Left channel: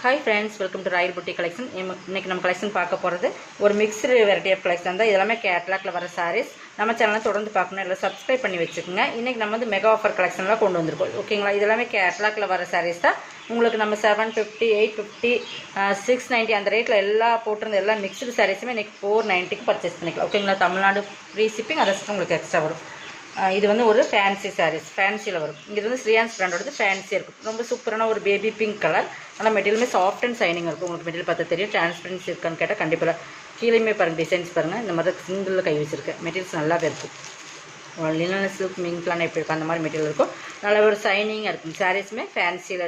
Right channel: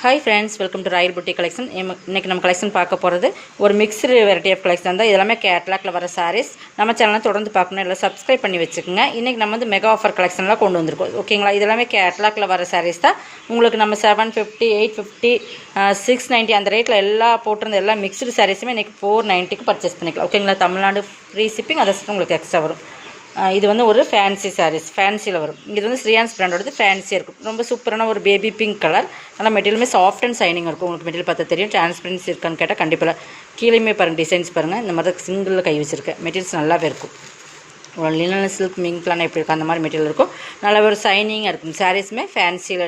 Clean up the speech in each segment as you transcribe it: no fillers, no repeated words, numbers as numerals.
Hi friends, welcome to Royal Buti collection. இன்றைக்கி நம்ம collection பார்க்க போகிறது ஒரு மிக்ஸ்டு வெரைட்டி ஆஃப் கலெக்ஷன் தான். இதெல்லாமே கேட்லாக்ல வர சாரீஸ். நம்ம சேனலை தொடர்ந்து பார்க்கணும், இல்லை சப்ஸ்கிரைப் பண்ணி வச்சுக்கோங்க. இன்றைக்கி நம்ம வந்து மெகா ஆஃபர் கலெக்ஷன்லாம் கொண்டு வந்திருக்கோம். ஓகேங்களா? இதெல்லாமே கேட்லாக்ல வர சாரீஸ் தான். உங்களுக்கு நம்ம 750, 850, 690 அந்த ரேட்டில் எல்லாம் போட்டிருந்த எல்லா மிக்ஸ்டு சாரீஸுமே இன்றைக்கி 490க்கு பர்ச்சேஸ் பண்ணிக்கலாம். ஓகேங்களா? தமிழ்நாடு ஃப்ரீ ஷிப்பிங், அதை உங்களுக்கு எக்ஸ்ட்ரா வரும். இது வந்து ஒரு ஃபேன்சி சாரீஸ், ஃபேன்சியில் வரும். இது வந்து ஸ்ரீயான்ஸ் பிராண்டோடது ஃபேன்சியாக இருக்கும். ரொம்ப சூப்பரான ஒரு பேபி பிங்க் கலர். ஆனால் மெட்டீரியலுமே சாஃப்ட் அண்ட் ஷைனிங் இருக்கும். உங்களுக்கு மெட்டீரியல் பார்த்தா தெரியும். டிரான்ஸ்பரன்சி இருக்கான்னு கேட்டால் கண்டிப்பாக கீழேயுமே பாருங்கள், டிசைன்ஸ் பாருங்கள். இந்த மாதிரி தான் சிங்கிளில் கை வச்சுருக்கேன். மெட்டீரியல்ஸ் நல்லாவே இருக்கும். லினன் சில்க் மிங்க்லாம் எப்படி இருக்கும் அந்த மாதிரி மெட்டீரியல் இருக்கும். நல்லா ஒரு ஷைனிங்காக இருக்கும். சாரீஸுமே ஃபேன்சியில்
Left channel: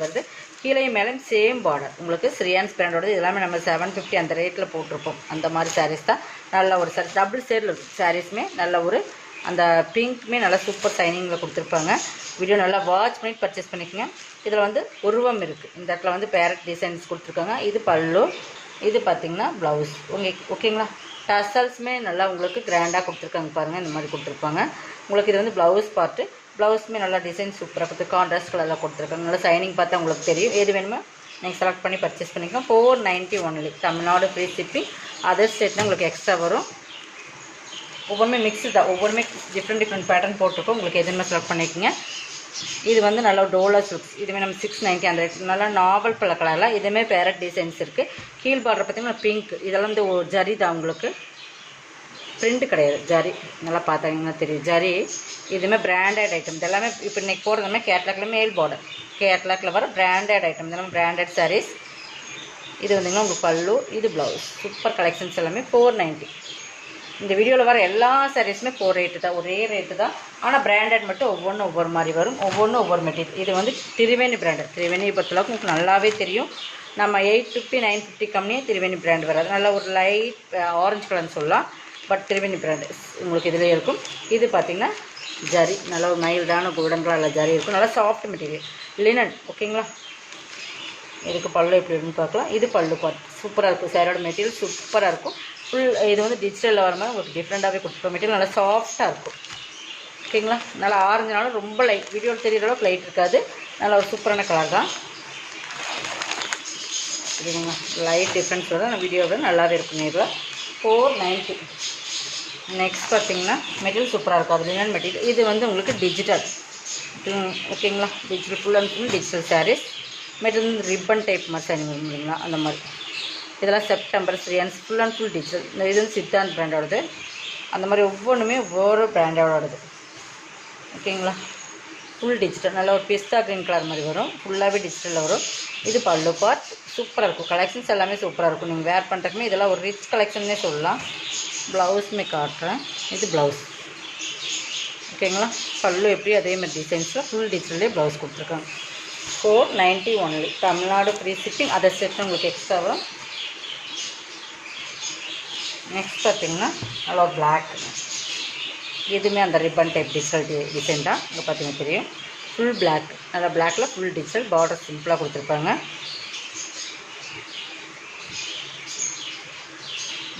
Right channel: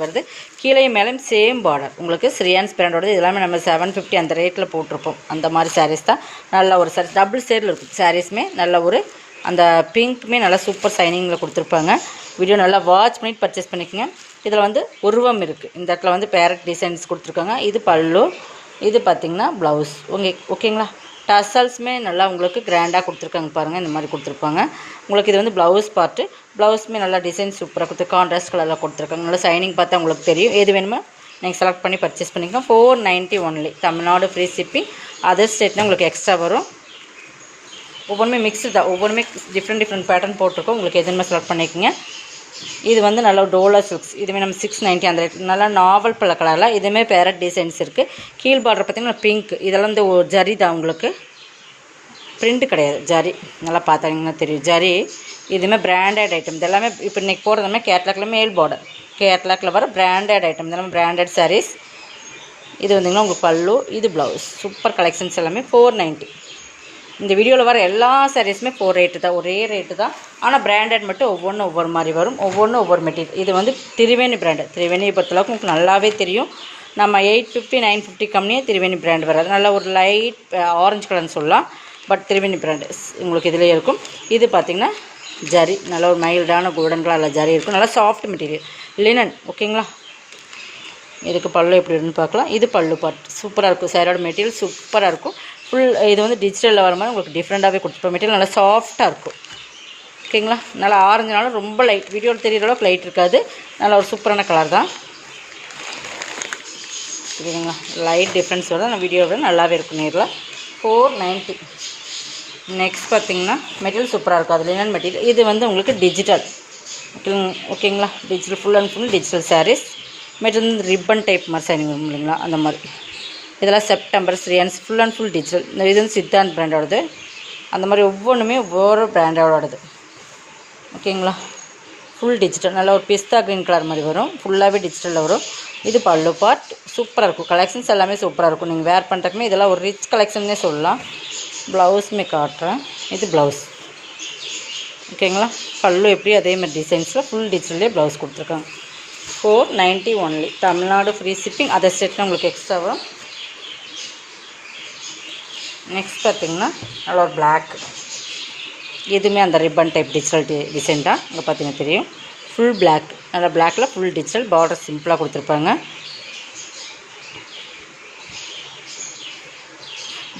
வருது. கீழே மேலும் சேம் பார்டர். உங்களுக்கு ஸ்ரீயான்ஸ் பிராண்டோடது. இதெல்லாமே நம்ம 750 அந்த ரேட்டில் போட்டிருப்போம். அந்த மாதிரி சாரீஸ் தான். நல்ல ஒரு சாரீஸ் டபுள் ஷேடில் இருக்கும். சாரீஸுமே நல்ல ஒரு அந்த பிங்க்குமே நல்லா சூப்பர் ஷைனிங்கில் கொடுத்துருப்பாங்க. வீடியோ நல்லா வாட்ச் பண்ணிட்டு பர்ச்சேஸ் பண்ணிக்கோங்க. இதில் வந்து உருவம் இருக்குது. இந்த இடத்துல வந்து பேரட் டிசைன்ஸ் கொடுத்துருக்காங்க. இது பல்லு, இது பார்த்திங்கன்னா ப்ளவுஸ். ஓகேங்களா? டசல்ஸுமே நல்லா உங்களுக்கு கிராண்டாக கொடுத்துருக்காங்க பாருங்கள். இந்த மாதிரி கொடுத்துருப்பாங்க. உங்களுக்கு இது வந்து ப்ளவுஸ் பார்ட்டு. ப்ளவுஸுமே நல்லா டிசைன் சூப்பராக கொடுத்து கான்ட்ராஸ்ட் கலரில் கொடுத்துருக்காங்க. நல்லா ஷைனிங் பார்த்தா உங்களுக்கு தெரியும். எது வேணுமோ நீங்கள் செலக்ட் பண்ணி பர்ச்சேஸ் பண்ணிக்கலாம். 490 only. Tamil Nadu free shipping. Other ஸ்டேட்னா உங்களுக்கு எக்ஸ்ட்ரா வரும். ஒவ்வொருமே மிக்ஸ்டு தான். ஒவ்வொருமே டிஃப்ரெண்ட் பேட்டர்ன் போட்டிருக்கோம். உங்களுக்கு எதுவுமே செலக்ட் பண்ணிக்கோங்க. இது வந்து நல்லா டோலா சில்க்ஸ். இதுவே நம்ம 690 அந்த ரேட். நல்லா நாவல் பல கலரில் இதுவுமே பேரட் டிசைன்ஸ் இருக்குது. கீழ் பார்டர் பார்த்திங்கன்னா பிங்க். இதெல்லாம் வந்து ஒரு ஜரி தான். உங்களுக்கு பிரிண்ட் கிடையாது, ஜரி. நல்லா பார்த்தாங்கன்னா தெரியும் ஜரி. இதுவுமே பிராண்டட் ஐட்டம். இதெல்லாமே இப்போ இன்றைக்கி போகிறதுமே கேட்லாக்ல மேல் பார்டர். கேட்லாக்ல வர பிராண்டட் ஐட்டம். இதெல்லாம் பிராண்டட் சாரீஸ். இது வந்திங்கன்னா உங்களுக்கு பல்லு, இது ப்ளவுஸ். சூப்பர் கலெக்ஷன்ஸ் எல்லாமே 490. இந்த வீடியோவில் வர எல்லா சாரீஸுமே 4 ரேட்டு தான். ஒரே ரேட்டு தான். ஆனால் பிராண்டட் மட்டும் ஒவ்வொன்றும் ஒவ்வொரு மாதிரி வரும். ஒவ்வொன்றும் ஒவ்வொரு மெட்டீரியல். இது வந்து திரிவேணி பிராண்டட். திரிவேணியை பொறுத்தளவுக்கு உங்களுக்கு நல்லாவே தெரியும். நம்ம 850, 950 கம்மியே திரிவேணி பிராண்ட் வராது. நல்லா ஒரு லைட் ஆரஞ்சு கலர்னு சொல்லலாம். பட் திரிவேணி பிராண்டு உங்களுக்கு இதிலே இருக்கும். இது பார்த்திங்கன்னா ஜரி. நல்லா ஒரு மைல்டான கோல்டன் கலரில் ஜரி இருக்கும். நல்லா சாஃப்ட் மெட்டீரியல் லினன். ஓகேங்களா? இதுக்கு பல்லு எப்படி இருக்குன்னு பார்க்கலாம். இது பல்லு பார்ட் சூப்பராக இருக்கும். சாரியோட மெட்டீரியல் சூப்பராக இருக்கும். ஃபுல் இது வந்து டிஜிட்டலில் வர மாதிரி உங்களுக்கு டிஃப்ரெண்ட்டாகவே கொடுத்துருப்போம். மெட்டீரியல் நல்லா சாஃப்டாக இருக்கும். ஓகேங்களா? நல்லா ஆரஞ்சுனாலும் ரொம்ப லைட், வீடியோவில் தெரிகிற அளவுக்கு லைட் இருக்காது. நல்லா ஒரு சூப்பரான கலர் தான். சரிங்களா? லைட் டிஃப்ரென்ஸ் வருது. நான் வீடியோவில் நல்லாவே இருக்கும். நேரில் 490. நெக்ஸ்ட் பார்த்திங்கன்னா மெட்டீரியல் சூப்பராக இருக்கும். அது லினன் மெட்டீரியல். இது வந்து உங்களுக்கு டிஜிட்டல். ஓகேங்களா? Digital full and full digital saris. Material ribbon type மாதிரி சைனிங் வரும் இல்லைங்களா? அந்த மாதிரி. இதெல்லாம் செப்டம்பர் ஸ்ரீயான்ஸ் ஃபுல் அண்ட் ஃபுல் டிஜிட்டல். இது வந்து சித்தாந்த் பிராண்டோடது. அந்த மாதிரி ஒவ்வொன்றுமே ஒவ்வொரு பிராண்டோடது. ஓகேங்களா? Full digital. நல்லா ஒரு பிஸ்தா க்ரீன் கலர் மாதிரி வரும். ஃபுல்லாகவே டிஜிட்டலில் வரும். இது பல்லு பார்ட். சூப்பராக இருக்கும். கலெக்ஷன்ஸ் எல்லாமே சூப்பராக இருக்கும். நீங்கள் வேர் பண்ணுறதுக்குமே இதெல்லாம் ஒரு ரிச் கலெக்ஷன்னே சொல்லலாம். ப்ளவுஸுமே காட்டுறேன். இது ப்ளவுஸ். ஓகேங்களா? பல்லு எப்படி அதே மாதிரி டிசைன்ஸில் ஃபுல் டிஜிட்டல்லே ப்ளவுஸ் கொடுத்துருக்காங்க. 490 ஒன்லி. Tamil Nadu free shipping. அதை செட்னா உங்களுக்கு எக்ஸ்ட்ராவாக. நெக்ஸ்ட் பார்த்திங்கன்னா நல்லா ஒரு பிளாக். இதுவுமே அந்த ரிப்பன் டைப் டிஜிட்டல் டிசைன் தான். இங்கே பார்த்தீங்கன்னா தெரியும். Full black. நல்லா பிளாக்கில் ஃபுல் டிஜிட்டல். பார்டர் சிம்பிளாக கொடுத்துருப்பாங்க.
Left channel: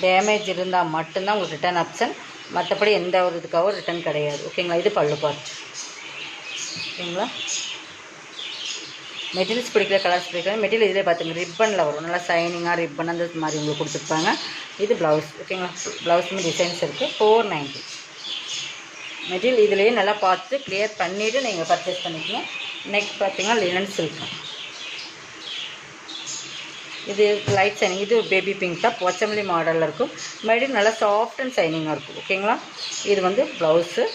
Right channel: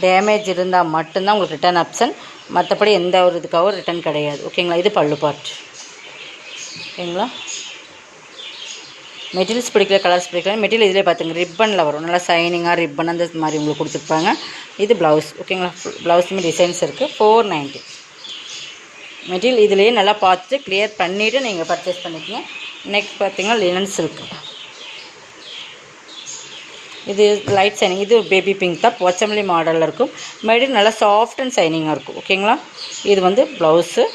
டேமேஜ் இருந்தால் மட்டும்தான் உங்களுக்கு ரிட்டர்ன் ஆப்ஷன். மற்றபடி எந்த ஒரு இதுக்காகவும் ரிட்டர்ன் கிடையாது. ஓகேங்களா? இது பல்லு பார்ட். ஓகேங்களா? மெட்டீரியல்ஸ் பிடிக்கல, கலர்ஸ் பிடிக்கல, மெட்டீரியல் இதிலே பார்த்துங்க ரிப்பனில் வரும். நல்லா ஷைனிங்காக ரிப்பன் அந்த மாதிரி உங்களுக்கு கொடுத்துருப்பாங்க. இது ப்ளவுஸ். ஓகேங்களா? ப்ளவுஸுமே டிசைன்ஸ் இருக்குது. 490. மெட்டீரியல் இதிலேயே நல்லா பார்த்துட்டு க்ளியர் பண்ணிவிட்டு நீங்கள் பர்ச்சேஸ் பண்ணிக்கங்க. நெக்ஸ்ட் பார்த்திங்கன்னா லினன் சில்க். இது லைட் ஷைனிங். இது பேபி பிங்க் தான். போச்சமல்லி மாடலில் இருக்கும். மெட்டீரியல் நல்லா சாஃப்ட் அண்ட் ஷைனிங்காக இருக்கும். ஓகேங்களா? இது வந்து ப்ளவுஸு.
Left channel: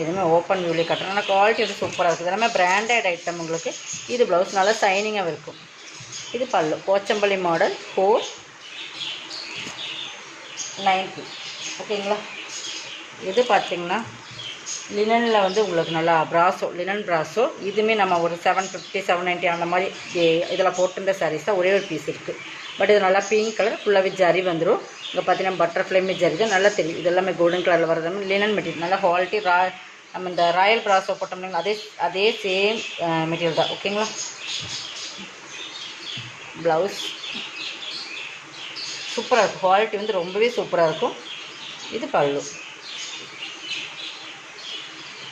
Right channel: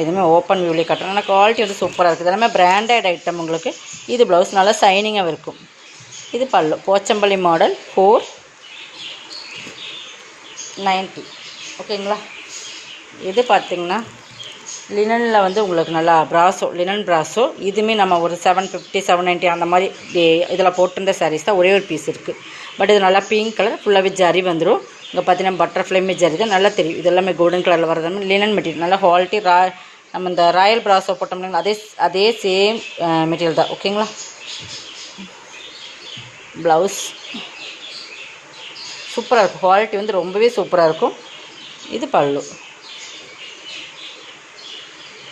இதுவுமே ஓப்பன் வியூலே கட்டுறேன். ஆனால் குவாலிட்டி வந்து சூப்பராக இருக்குது. எல்லாமே பிராண்டட் ஐட்டம் உங்களுக்கு. இது ப்ளவுஸ் நல்லா ஷைனிங்காக இருக்கும். இது பல்லு. போச்சம்பள்ளி மாடல். 490. ஓகேங்களா? இது பார்த்திங்கன்னா லினனில் வந்து உங்களுக்கு நல்லா ப்ராஸோ, லினன் ப்ராஸோ. இதுவுமே நம்ம ஒரு 750, 790 அந்த மாதிரி இதில் போட்டிருந்த சாரீஸ் தான். ஒரே ஒரு பீஸ் இருக்குது. பட் இது நல்லா பிங்க் கலர். ஃபுல்லாகவே ஜரி வந்துடும். இங்கே பார்த்தீங்கன்னா பட்டர்ஃப்ளைமே ஜரி தான். நல்லா தெரியும். இதெல்லாமே கோல்டன் கலரில் வரது லினன் மெட்டீரியல். நல்லா குவாலிட்டி. நம்ம இந்த ராயல் ப்ராஸோ போட்டோம்னா அதே சேம் மெட்டீரியல் தான். ஓகேங்களா? ப்ளவுஸ் சூப்பராக இருக்கும். குவாலிட்டி வந்து ரொம்பவே சூப்பராக இருக்கும். இது பல்லு.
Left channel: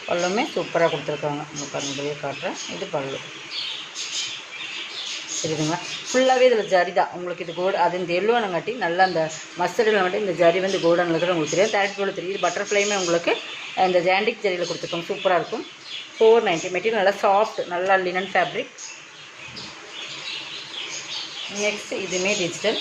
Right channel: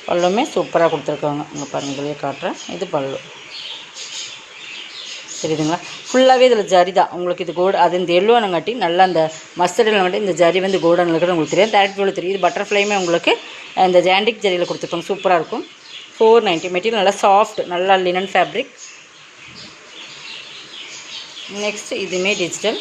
பல்லுமே சூப்பராக கொடுத்துருக்காங்க. இங்கே பாருங்கள், வெளியே காட்டுறேன். இது பல்லு. தெரியுதுங்களா? ஃபுல்லாகவே இதில் ஜரி தான் உங்களுக்கு. இது அது இந்த எல்லோனங்காட்டி நல்லா அந்த மஸ்டர்டில் இந்த ஜரி வந்து கோல்டன் இருக்கிறது உங்களுக்கு தெரியும். டேரக்ட் போல் தெரியும். இது பட்டர்ஃப்ளைமே உங்களுக்கு இந்த ஜாண்டிக் ஜரியில் கொடுத்துருப்பாங்க. சூப்பராக இருக்கும். 490. மெட்டீரியல் நல்லா சாஃப்ட், நல்லா லினன் ஃபேப்ரிக். நெக்ஸ்ட் இதுவுமே டிஜிட்டல்,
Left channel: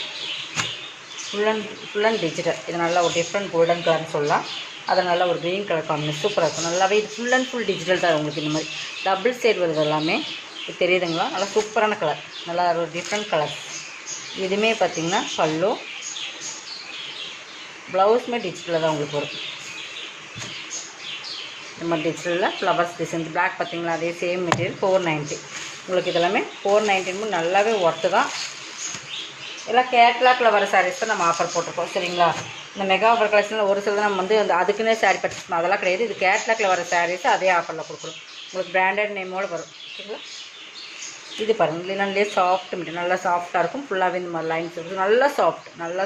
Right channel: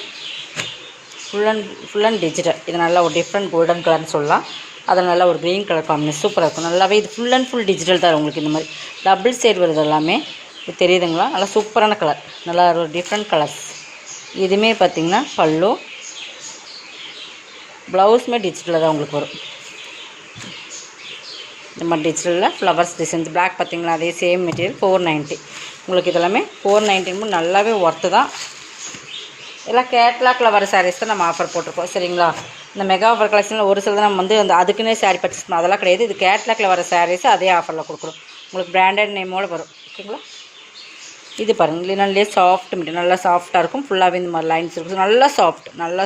ஃபுல் அண்ட் டிஜிட்டல். இது நல்லா ஒரு டிஃப்ரெண்ட் கோல்டன் கலர்னு சொல்லலாம். அதில் நல்லா ஒரு க்ரீன் கலர் காம்பினேஷன் சூப்பராக இருக்கும். நல்லாவே இது ஃபுல் டிஜிட்டல் தான் உங்களுக்கு. இந்த மாதிரி டபுள் சைடு வருது எல்லாமே. இது தெரியுதுங்களா? நல்லா சூப்பரான கலர், நல்லா ஒரு டிஃப்ரெண்ட் கலர்ஸ். இதுவுமே பார்த்திங்கன்னா பல்லு, ப்ளவுஸுமே டிஜிட்டலில் தான் உங்களுக்கு வரும். இந்த மாதிரி டிஜிட்டலில் ஃப்ளவர்ஸ் டிசைன்ஸ். பிளாக் பார்த்திங்களா? அதே சேம் மெட்டீரியல் 490 உங்களுக்கு. இதெல்லாமே 490 நல்லாவே ஒர்த்து தான். எல்லாம் கேட்லாக்கில் வர சாரீஸ் தான் நம்ம ஆஃபர் போட்டிருக்கோம். சரிங்களா? இந்த மெகா ஆஃபர் கலெக்ஷனில் ஒரு சில தான் நம்ம வந்து அந்த அதுக்குன்னே சாரீ பர்ச்சேஸ் பண்ணோம், அதெல்லாம் கிடையாது. இது கேட்லாக்கில் வர சாரீஸ் அதே ஆஃபரில் கொடுக்குறோம் உங்களுக்கு. பிராண்டட் நேமோடு வரும். ஓகேங்களா? இது பாருங்கள், லினன்லேயே சாஃப்ட் மெட்டீரியல், நல்லா சாஃப்ட்டாக இருக்கும். ஃபுல்லாகவே இந்த மாதிரி லைன்ஸ் இருக்கும். நல்லா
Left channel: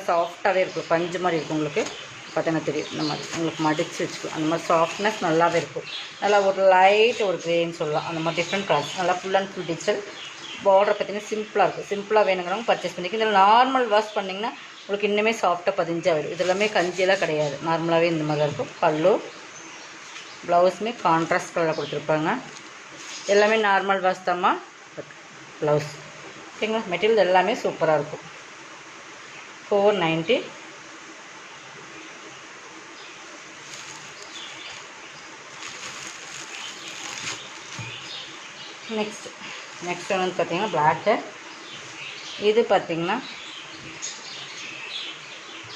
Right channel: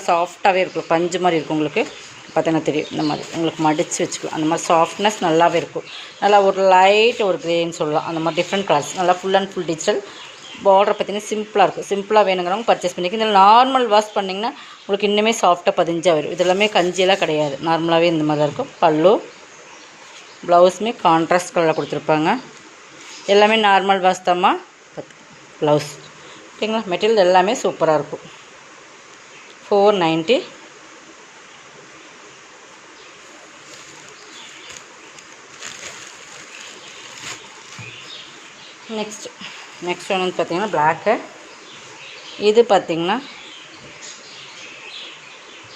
சாஃப்ட்டாகவே இருக்கும். பஞ்சு மாதிரி இருக்கும் உங்களுக்கு. பார்த்தீங்கன்னா தெரியும். இந்த மாதிரி உங்களுக்கு மடித்து வச்சுக்கலாம். அந்த மாதிரி சாஃப்ட்னஸ் நல்லாவே இருக்கும். நல்லா ஒரு லைட் ஒரு க்ரேன்னு சொல்லலாம். அந்த மாதிரி டிஃப்ரெண்ட் கலர்ஸ். நல்லா full and full digital. Border பார்த்திங்கன்னா சிம்பிளாக இருக்கும். சிம்பிளாக வேணுங்கிறவங்க பர்ச்சேஸ் பண்ணிக்கலாம். இதில் நார்மல் வாஷ் பண்ணிங்கன்னா உங்களுக்கு இன்னுமே சாஃப்டாக 15 வரும். இது எல்லாமே கஞ்சியெல்லாம் கிடையாது. நார்மலாகவே இந்த மாதிரி இருக்கும். பல்லு, ப்ளவுஸுமே கான்ட்ராஸ்ட் கலரில் கொடுத்துருப்பாங்க. எல்லாமே நார்மல் வாஷ் தாம்மா. ப்ளவுஸ் ஓகேங்களா? மெட்டீரியல் எல்லாமே சூப்பராக இருக்கும். 490. நெக்ஸ்ட் ஒன்று பார்த்திங்கன்னா பிளாக்கு. இது பார்த்திங்கன்னா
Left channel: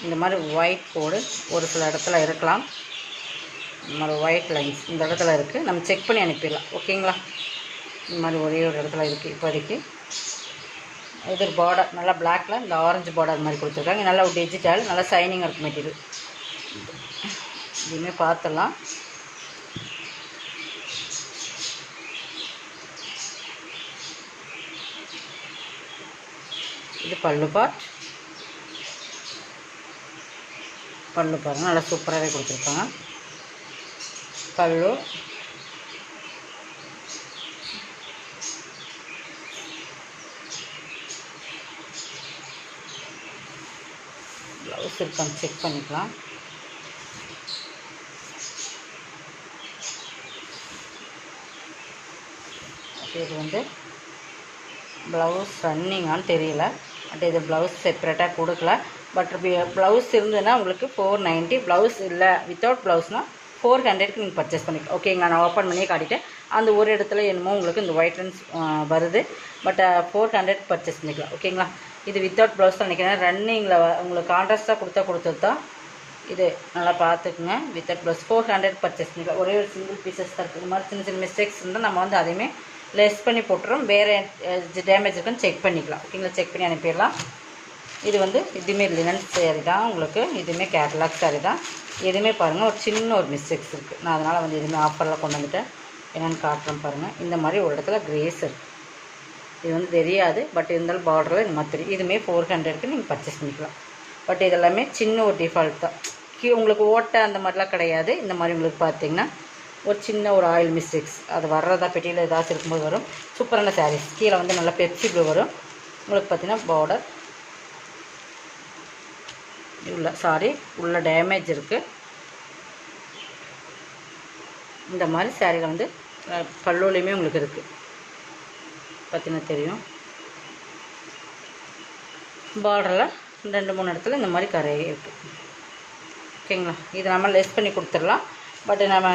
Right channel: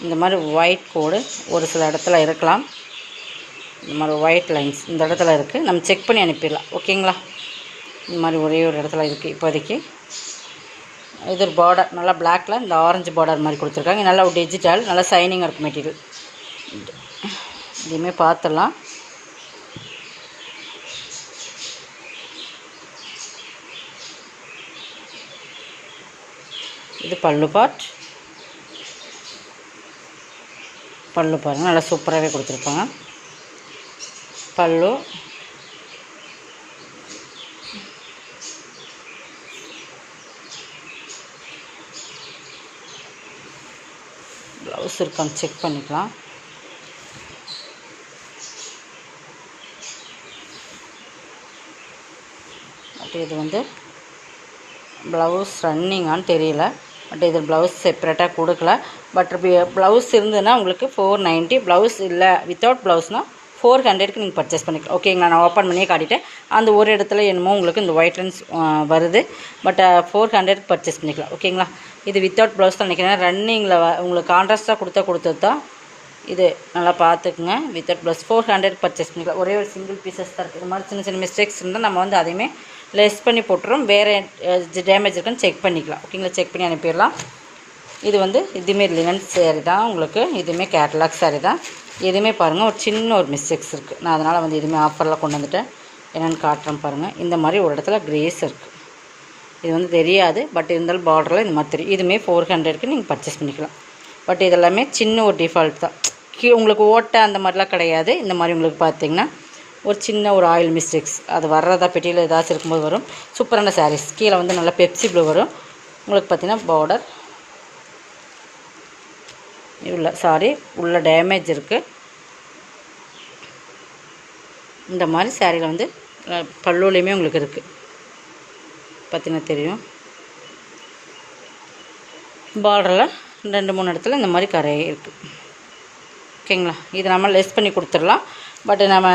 இந்த மாதிரி ஒயிட் கோடு ஒரு சில இடத்துல இருக்கலாம். இந்த மாதிரி ஒயிட் லைன்ஸ் இந்த இடத்துல இருக்குது. நம்ம செக் பண்ணி அனுப்பிடலாம். ஓகேங்களா? இந்த மாதிரி ஒரே ஒரு இடத்துல இருக்குது இப்போதைக்கு. இது ஒரு பார்டர் நல்லா பிளாக்கில் இந்த ஆரஞ்சு பார்டர் மாதிரி கொடுத்துருக்காங்க. நல்லா ஒரு டிஜிட்டல், நல்லா ஷைனிங்காக இருக்கும் மெட்டீரியல். இதுவுமே பார்த்துடலாம். இது பல்லு பாருங்கள், நல்லா சூப்பராகவே கொடுத்துருப்பாங்க. பல்லு ப்ளவுஸ் இருக்கான்னு செக் பண்ணிக்கலாம். அப்போ இது வந்து ப்ளவுஸ் ரன்னிங்கான்னு தெரியல. பட் இது ப்ளவுஸ் செப்பரேட்டாக கொடுக்கல. பட் ப்ளவுஸ் இருந்ததுன்னா உங்களுக்கு 490. ப்ளவுஸ் இல்லை வித்தவுட் ப்ளவுஸ்னால் 400க்கு நீங்கள் பர்ச்சேஸ் பண்ணிக்கலாம். ஓகேங்களா? நான் ஓப்பன் பண்ணியே காட்டிட்டேன். அந்த ஒரு இடத்துல என்னமோ உங்களுக்கு இந்த ஒயிட் லைன்ஸ் வருது. பட் 400க்கு பர்ச்சேஸ் பண்ணிக்கலாம். ஓகேங்களா? இது வித்தவுட் ப்ளவுஸ் தான் நினைக்கிறேன். ரன்னிங்கில் உங்களுக்கு கான்ட்ராஸ்ட்டாக கொடுத்தது தான் இது. நல்லா பார்த்துக்குங்க. வித்தவுட் ப்ளவுஸ் 400க்கு பர்ச்சேஸ் பண்ணிக்கலாம். ஒரே ஒரு சிங்கிள் பீசஸ் தான் இருக்குது. இந்த மாதிரி சின்ன மிஸ்டேக்ஸ் இருந்தால் நம்ம வந்து அதையுமே லெஸ் பண்ணி போட்டுரும். வேறு டேமேஜ் இருக்குன்னு செக் பண்ணிக்கலாம். ஓகேங்களா? செக் பண்ணி அனுப்பிடலாம். இது வந்து இதுவுமே லினன் சாரி தான் உங்களுக்கு. இதுவுமே கேட்லாக் சாரி தான். எதுவுமே பாருங்கள் ஒரு சின்ன ஒரு மிஸ்டேக்ஸ் இருக்குது. நான் அதனால் வந்து எதுவுமே ஆஃபரில் கொண்டு வந்துட்டேன். என்னென்னு காட்டுறேன் பாருங்கள். இந்த மாதிரி ஒரு இடத்துல கிரேஸ் இருக்குது. இது வந்து தெரியாது. பட் இருந்தாலும் பார்டரில் இந்த மாதிரி தெரியும். இதுவுமே 400க்கு நீங்கள் பர்ச்சேஸ் பண்ணிக்கலாம். பட் இதெல்லாமே சின்ன ஒரு டிஃபால்ட் தான். உங்களுக்கு ஓட்டை அந்த மாதிரிலாம் கிடையாது. இந்த மாதிரி உங்களுக்கு பார்த்திங்கன்னா ஒரு சின்ன ஒரு ஆயில் மிஸ்டேக்ஸ் அது வர்றதா பெட்டியில் ஏதாச்சும் இருக்கும்போது வரும். சூப்பரான சாரீஸ். கீழே வந்து நல்லா பெப்சி ப்ளூ வரும் உங்களுக்கு. பார்த்திங்கன்னா பார்டர் உள்ள டேமேஜ் இருக்குது. இந்த மாதிரி சாரியில் வந்து பல்லுலேயுமே உங்களுக்கு இருக்குது. பார்த்திங்கன்னா தெரியும். பார்டரில் 2-3 இடத்துல இந்த மாதிரி கரை இருக்குது. ஓகேங்களா? இது நம்ம லெஸ் பண்ணி கொடுத்துடலாம். பட் நம்ம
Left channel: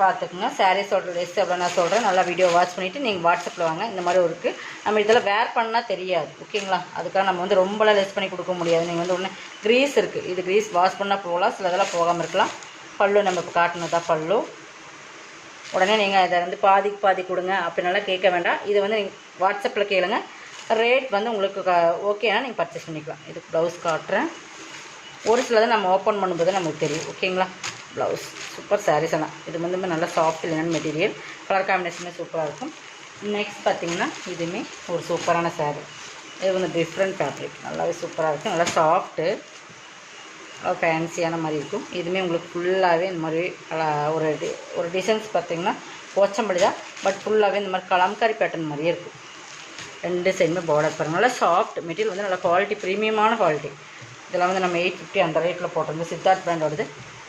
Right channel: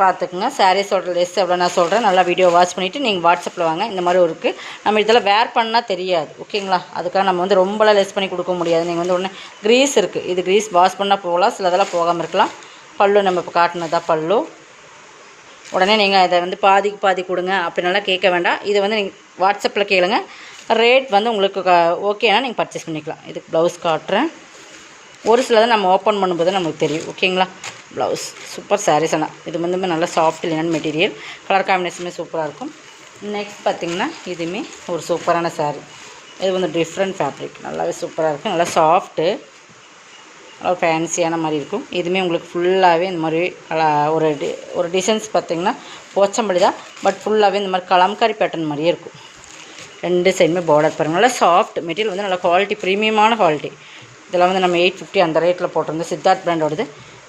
பார்த்துக்குங்க. சாரீஸோட லெஸ் எவ்வளோ நான் சொல்கிறேன். நல்லா வீடியோ வாட்ச் பண்ணிவிட்டு நீங்கள் வாட்ஸ்அப்பில் வாங்க. இந்த மாதிரி இருக்குது. நம்ம இதெல்லாம் வேர் பண்ணால் தெரியாது. ஓகேங்களா? அதுக்காக நம்ம வந்து ரொம்பலாம் லெஸ் பண்ணி கொடுக்க முடியாது. நீங்கள் வந்து ஒன்று க்ரீஸ் இருக்குது. இது க்ரீஸ் வாஷ் பண்ணால் போகலாம். சிலதெல்லாம் போகாமல் இருக்கலாம். பல்லு நம்ம இப்போ காட்டினதா பல்லு. உடனே நீங்கள் இதை வந்து பாதிக்கு பாதி கொடுங்க அப்படின்னாலாம் கேட்க வேண்டாம். இதை வந்து நீங்கள் வாட்ஸ்அப்பில் கேளுங்க. ரேட் வந்து உங்களுக்கு ஓகேனா நீங்கள் பர்ச்சேஸ் பண்ணிக்கலாம். இதுக்கு ப்ளவுஸ் காட்டுறேன். ஒரு சிலதை நம்ம ஓப்பன் பண்ணும்போது நமக்கு தெரியும். ஓகேங்களா? Blouse super sarees. ஆனால் இது வந்து நல்லா சாஃப்ட் லினன் மெட்டீரியல். கலர் காம்பினேஷனுமே சூப்பராக இருக்கும். நெக்ஸ்ட் பார்த்திங்கன்னா இதுவுமே ஒரு சூப்பரான சாரீ. இது வந்து டிஃப்ரெண்ட் ஃபேப்ரிக். நல்லாவே சூப்பராக இருக்கும். நல்லா சாஃப்ட்டு, நல்லா ஃபேன்சியான மாதிரி இருக்கும். இதுவுமே உங்களுக்கு ஃபுல்லாகவே இந்த மாதிரி ஒரு டிசைன்ஸ் பார்த்திங்கன்னா போச்சம்பள்ளி தான். பட் ஃபுல்லாகவே இந்த மாதிரி கலம்காரி பேட்டர்ன் மாதிரியே இருக்கும். 2 சைடுமே பார்டர் பாருங்கள். நல்லா சாஃப்ட் மெட்டீரியல் வந்து நல்லா குவாலிட்டி, ப்ரீமியமான குவாலிட்டி. இதெல்லாம் வந்து நம்ம 850 அந்த ரேட்டில் போட்டிருந்தோம். சித்தார்த் பிராண்டோடது.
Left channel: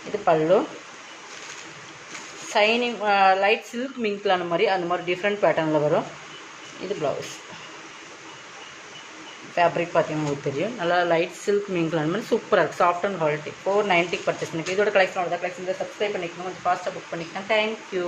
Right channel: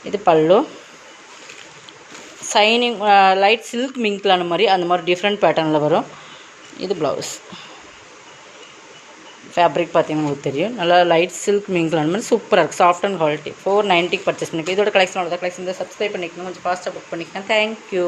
இது பல்லு ஷைனிங் லைட் சில்க் மிங்க்லான மாதிரி அந்த மாதிரி டிஃப்ரெண்ட் பேட்டர்னில் வரும். இது ப்ளவுஸ் ஃபேப்ரிக் பார்த்தீங்கன்னா உங்களுக்கு தெரியும். நல்லா லைட் சில்க் மிங்க்லான மாதிரி சூப்பராக இருக்குது. Soft and quality. 490 பர்ச்சேஸ் பண்ணிக்க. இதோட கலெக்ஷனோட கலெக்ஷன் சப்ஸ்கிரைப் பண்ணிக்கணும். கொஞ்சம் ஃபாஸ்ட்டாக புக் பண்ணிக்கலாம். தேங்க்யூ.